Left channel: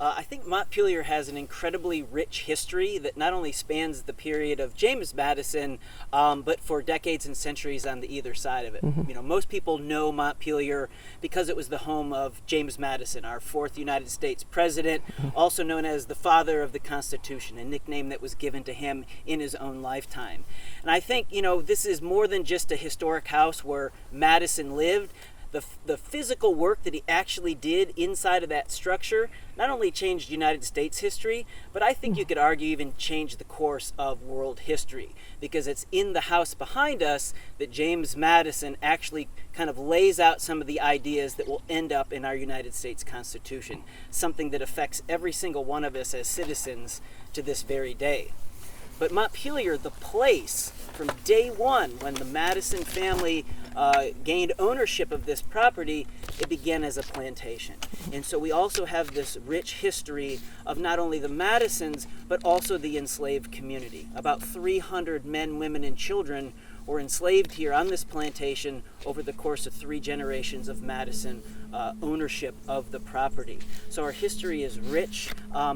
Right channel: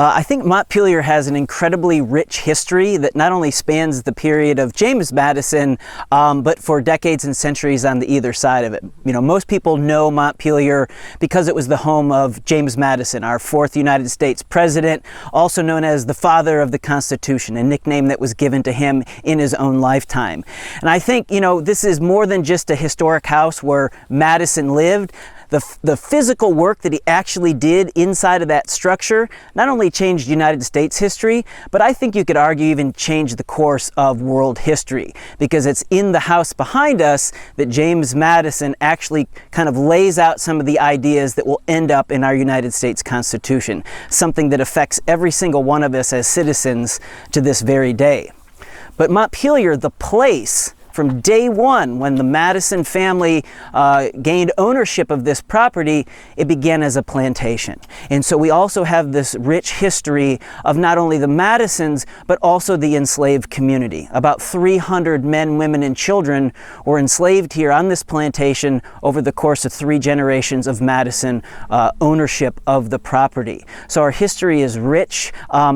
I think Montpelier has an incredibly rich history that not only spans the period of James Madison, but for decades and centuries on the either side of it. You know, most people know Montpelier because it was the home of James Madison, our fourth United States president, also known as the father of the Constitution, a nickname that was given to him in his own lifetime. And I think, you know, this is more than just a historic house where Madison lived. The physical work that he actually did inside of that structure not only changed United States history, but I think you could argue even changed the course of world history, because it's in the house behind us that James Madison actually kind of lays out some of the ideas that will end up in our United States Constitution, something that affects every single one of us as citizens to this very day. But Montpelier, the place, from day one, when the Madison family gained ownership of this property, it began as a plantation. And so we also have this rich history of not only the Madisons, but also the enslaved community. About 300 men, women, and children were enslaved here on this plantation over the course of 3 generations of Madison ownership of the property. So our history is rich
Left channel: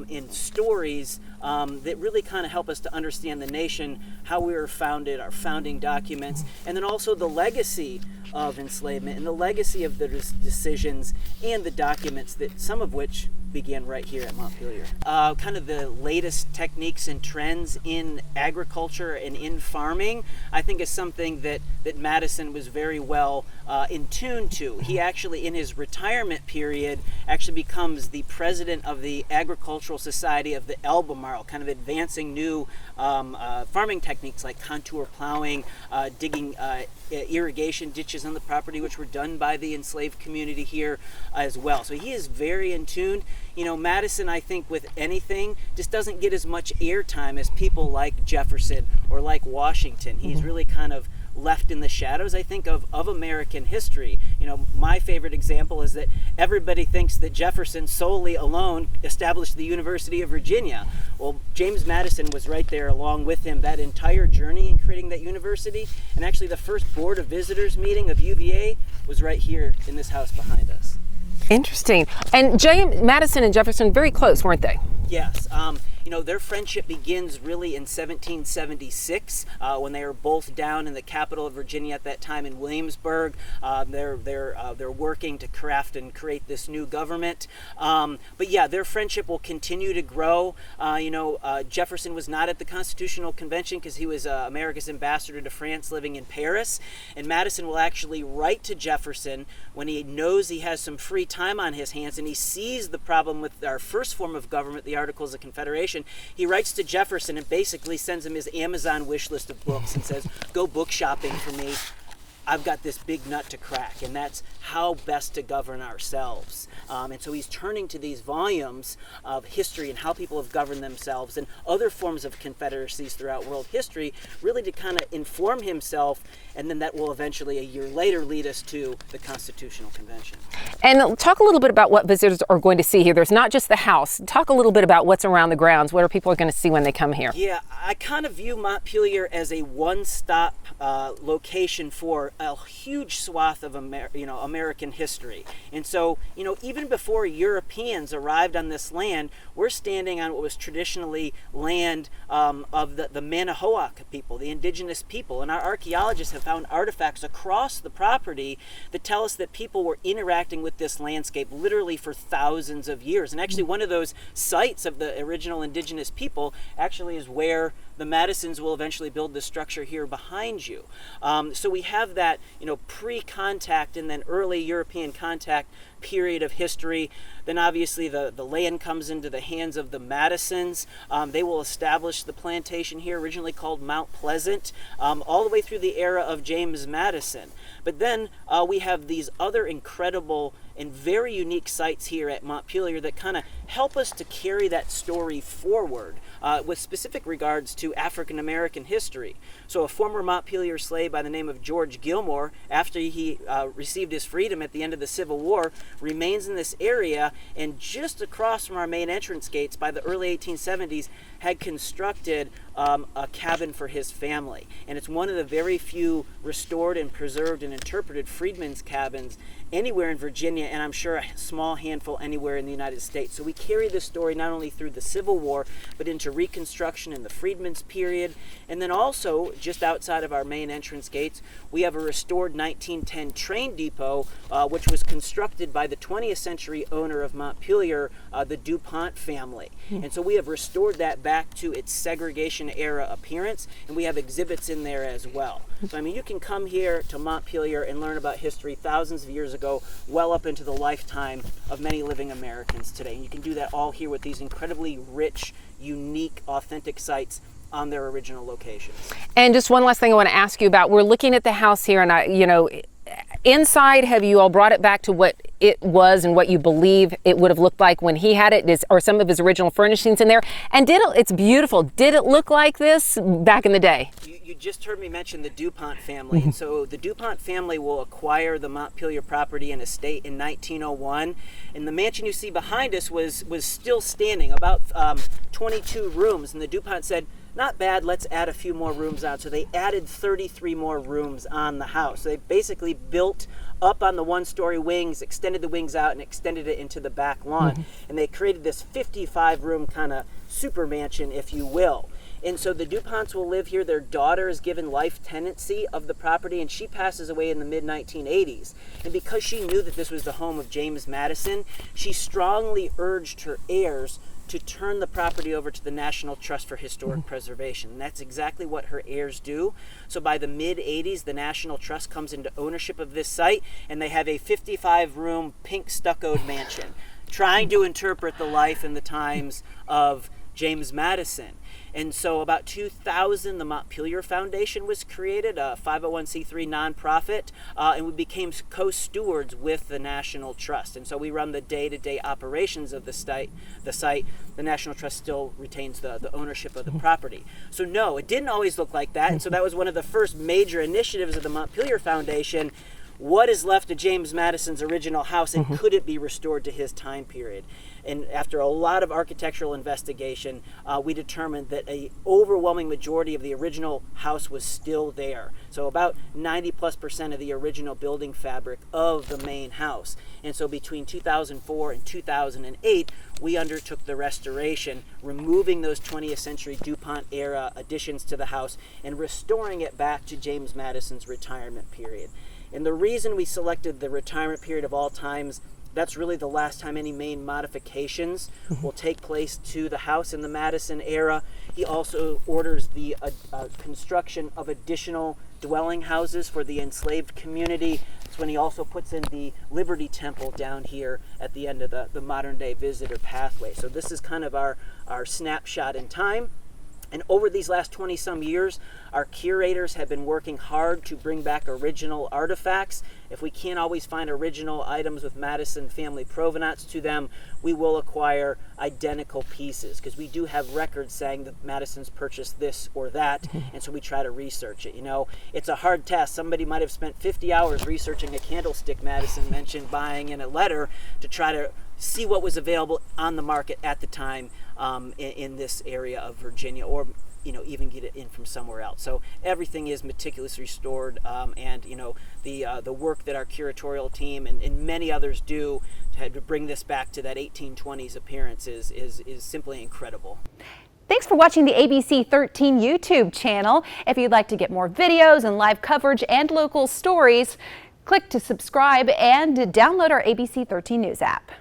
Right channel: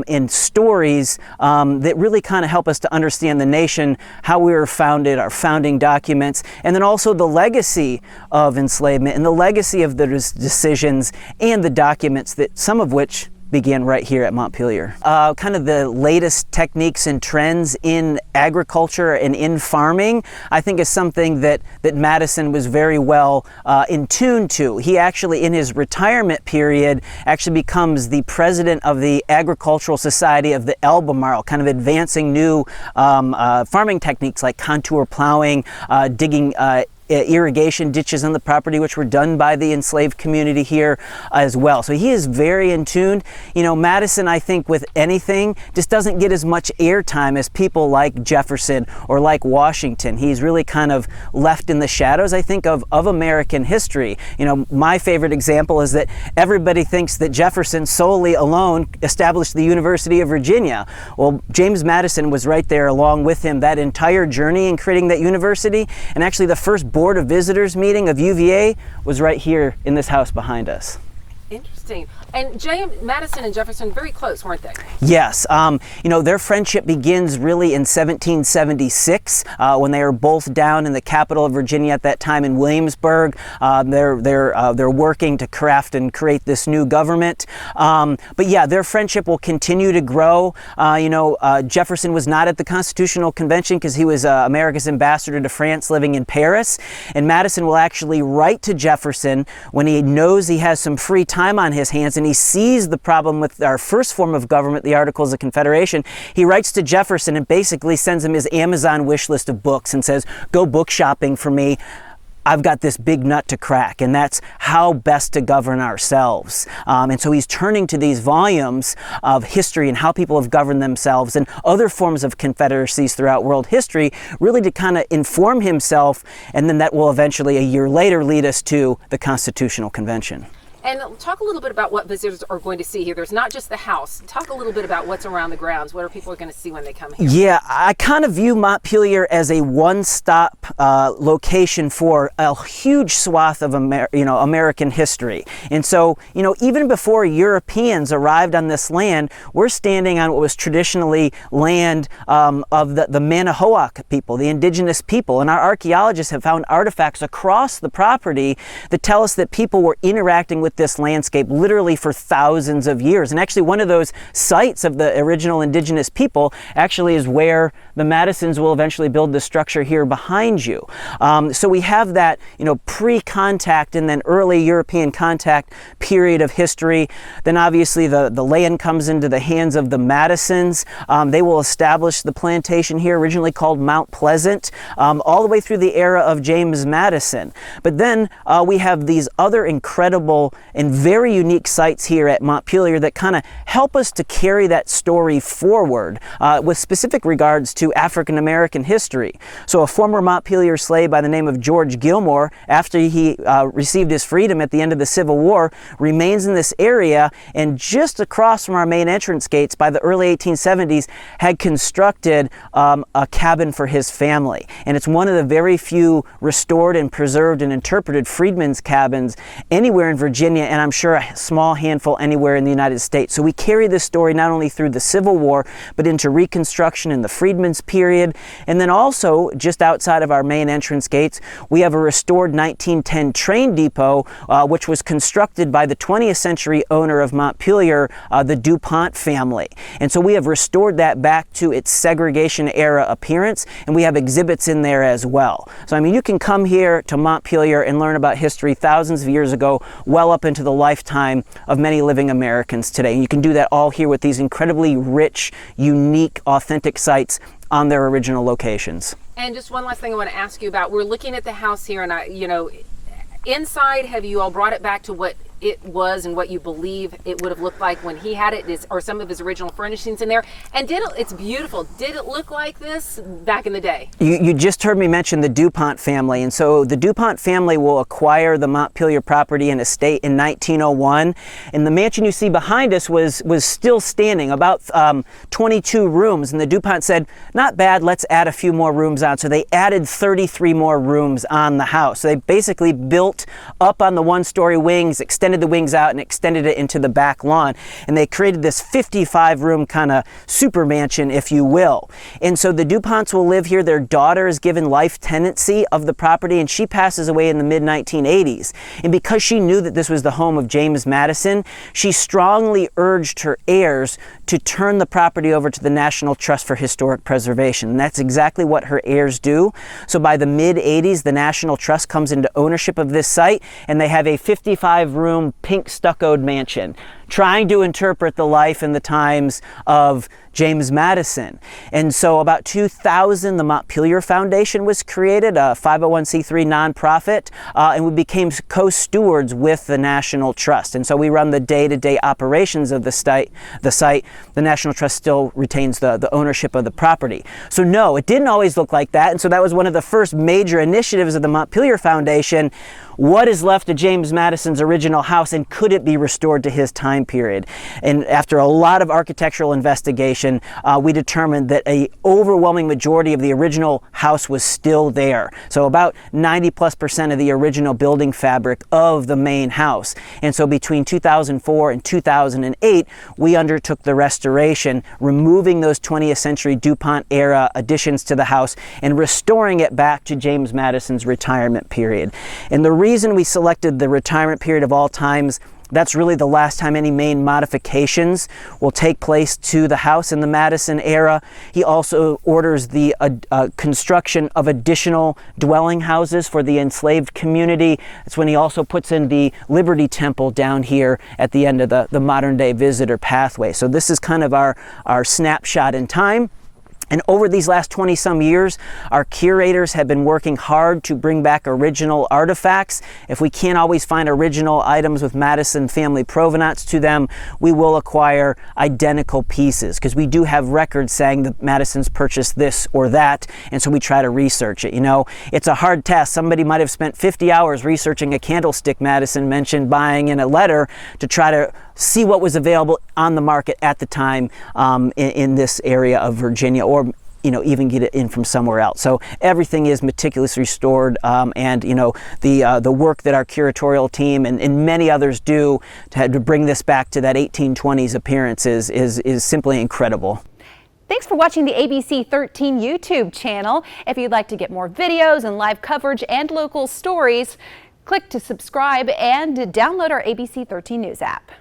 in stories that really kind of help us to understand the nation, how we were founded, our founding documents, and then also the legacy of enslavement and the legacy of the decisions and the documents, that some of which began right here at Montpelier. Kind of the latest techniques and trends in agriculture and in farming, I think, is something that Madison was very well in tune to. He actually, in his retirement period, actually becomes the president of the Agricultural Society of the Albemarle, kind of advancing new farming techniques like contour plowing, digging irrigation ditches on the property, which were done by the enslaved community here as well. So he is very in tune. You know, Madison, I think, with anything, just doesn't get as much airtime as people like Jefferson or like Washington. He's really kind of left in the shadows, I think, of American history. You know, my favorite example is that everybody thinks that Jefferson solely alone established the University of Virginia. Well, James Madison was right there along with him that entire journey in creating that university, and actually the first Board of Visitors meeting of UVA was right here in this house behind us. Interesting. And James Madison and Jefferson, very close, weren't they? Yes. You know, their friendship begins really in 1776 when they are both down in the capital of Virginia at that time in Williamsburg. They're working to craft and create this new government. But yeah, their friendship will continue to grow. You know, Jefferson was not at the Constitutional Convention because he was America's ambassador to France, living in Paris. And Madison will actually write to Jefferson when he knows he has some free time on his hands, and he sees the problem with our first form of government, the Articles of Confederation. He writes to Jefferson and basically sends him his Amazon wish list of books and says, go book shopping for me. I've got this big nut to crack, and that's how best to govern ourselves. And so he's turning to these volumes of history and how people have governed themselves and other forms of confederacies throughout world history, really to kind of inform himself, and then that will eventually, a year later, lead us to the Constitutional Convention. And talk a little bit about what visitors are going to see here. There's not just the house. Talk a little bit about what's around the grounds. What are people going to see when they come here? Yeah, I kind of view Montpelier as a one-stop location for a huge swath of American history. And so, you know, even before Europeans arrived on this land, we're standing on what was traditionally land of the Manahoac people, the indigenous people. And our archaeologists have found artifacts across the property that tell us that people were interacting with this landscape literally for thousands of years. And actually, one of those sites of the original indigenous people actually is where the Madisons will eventually build the structure here behind you. So we have that, you know, pre-contact and then early European contact period of history. Then obviously the land comes into the hands of the Madisons. They will establish the plantation here, originally called Mount Pleasant, all the way through the era of James Madison. But then we have these other incredible and very unique sites here at Montpelier that kind of help us to carry that story forward with specific regards to African American history. So a former Montpelier slave by the name of George Gilmore, after he received his freedom at the end of the Civil War, remains in this area, and just across from our main entrance gates by the early 1870s had constructed a cabin for his family. And it's one of the very few restored and preserved and interpreted freedmen's cabins anywhere in Virginia, and I'm sure a small handful anywhere in the United States. So we carry this story not only through the Civil War, but into Reconstruction and the Freedmen's period. And then also, just outside of our main entrance gates, we have a restored 1910 train depot, which was constructed by the 20th century owner of Montpelier, the DuPont family. And so we have restored that back to its segregation era appearance, and we have exhibits in there as well. So I mean, you can come here to Montpelier and learn about history thousands of years ago, well up into the lifetime of many living Americans today. And you can do that all here with these incredibly rich, unique, authentic sites on their original locations. And just one last thing I want to ask you about. We're looking at the house here, and inside, have you all brought it back to what it was and what you believe it would have looked like when he had it, or some of his original furnishings in there? And it's beautiful. Did it look like this back in the day? You just heard me mention the DuPont family, and so the DuPont family will acquire the Montpelier property and estate in 1901, and the mansion you see behind us was still standing, about 22 rooms, and the DuPont said, not bad, let's add a few more rooms on. So they added 33 more rooms on the house. So they basically built up on the one-story wings, extended the wings out and extended it into the back lawn. And they created this 55-room kind of super mansion, if you will. And so the DuPonts will live here. Their daughter is given life tenancy of the property, and she passes away in the mid-1980s. And because she knew that this was the home of James Madison, she strongly urged her heirs to turn the property over to the National Trust for Historic Preservation. And that's exactly what her heirs do. So by the mid-80s, the National Trust comes into ownership of this site, and they have a 55-room pink stuccoed mansion, trying to interpret the life and the times of James Madison. And so about 2000, the Montpelier Foundation was created, a 501c3 nonprofit, and we became co-stewards with the National Trust. And so we run the day-to-day operations of the site. The National Trust still retains the ownership of the property. So no, it didn't always look like that. And so that was one of the first major initiatives of the Montpelier Foundation. What is left of James Madison's original house, and could it be restored to his time period? And after a lot of architectural investigation, we determined that an overwhelming majority of the original house was still there. So about 90+% of the original building fabric of the main house. And so between 2004 and 2008, we undertook the restoration, removing those 20th century DuPont era additions to the house and restoring it back to James Madison's retirement period. And the reason we selected the retirement period of all times, that's really the last time any main modifications will take place to the house in the Madison era. He also orders the construction of additional dwelling houses for the enslaved community. That's when he also puts in the Liberty Temple down here at the end of the modern day visitor pathway. So this is kind of our snapshot in time. And over these last 20-some years, our curators have been working hard to bring back original artifacts. If we can't always find original items with Madison family provenance to them, we will acquire identical pieces, because we do have records saying that Madison's purchased this or that, and so we try to research it. You know, it's a hard task. Somebody might have spent 50 hours researching a candlestick Madison mentioned buying in a letter to try to see what was available on the market at the time in this area of Virginia, or even get it in from somewhere else. So everything is meticulously restored, and the work that our curatorial team and many others do to bring this back to that 1820s appearance is simply incredible. Thanks for watching the ABC 13 YouTube channel. If you'd like to get more videos and live coverage and local stories, click to subscribe and download our ABC 13 News app.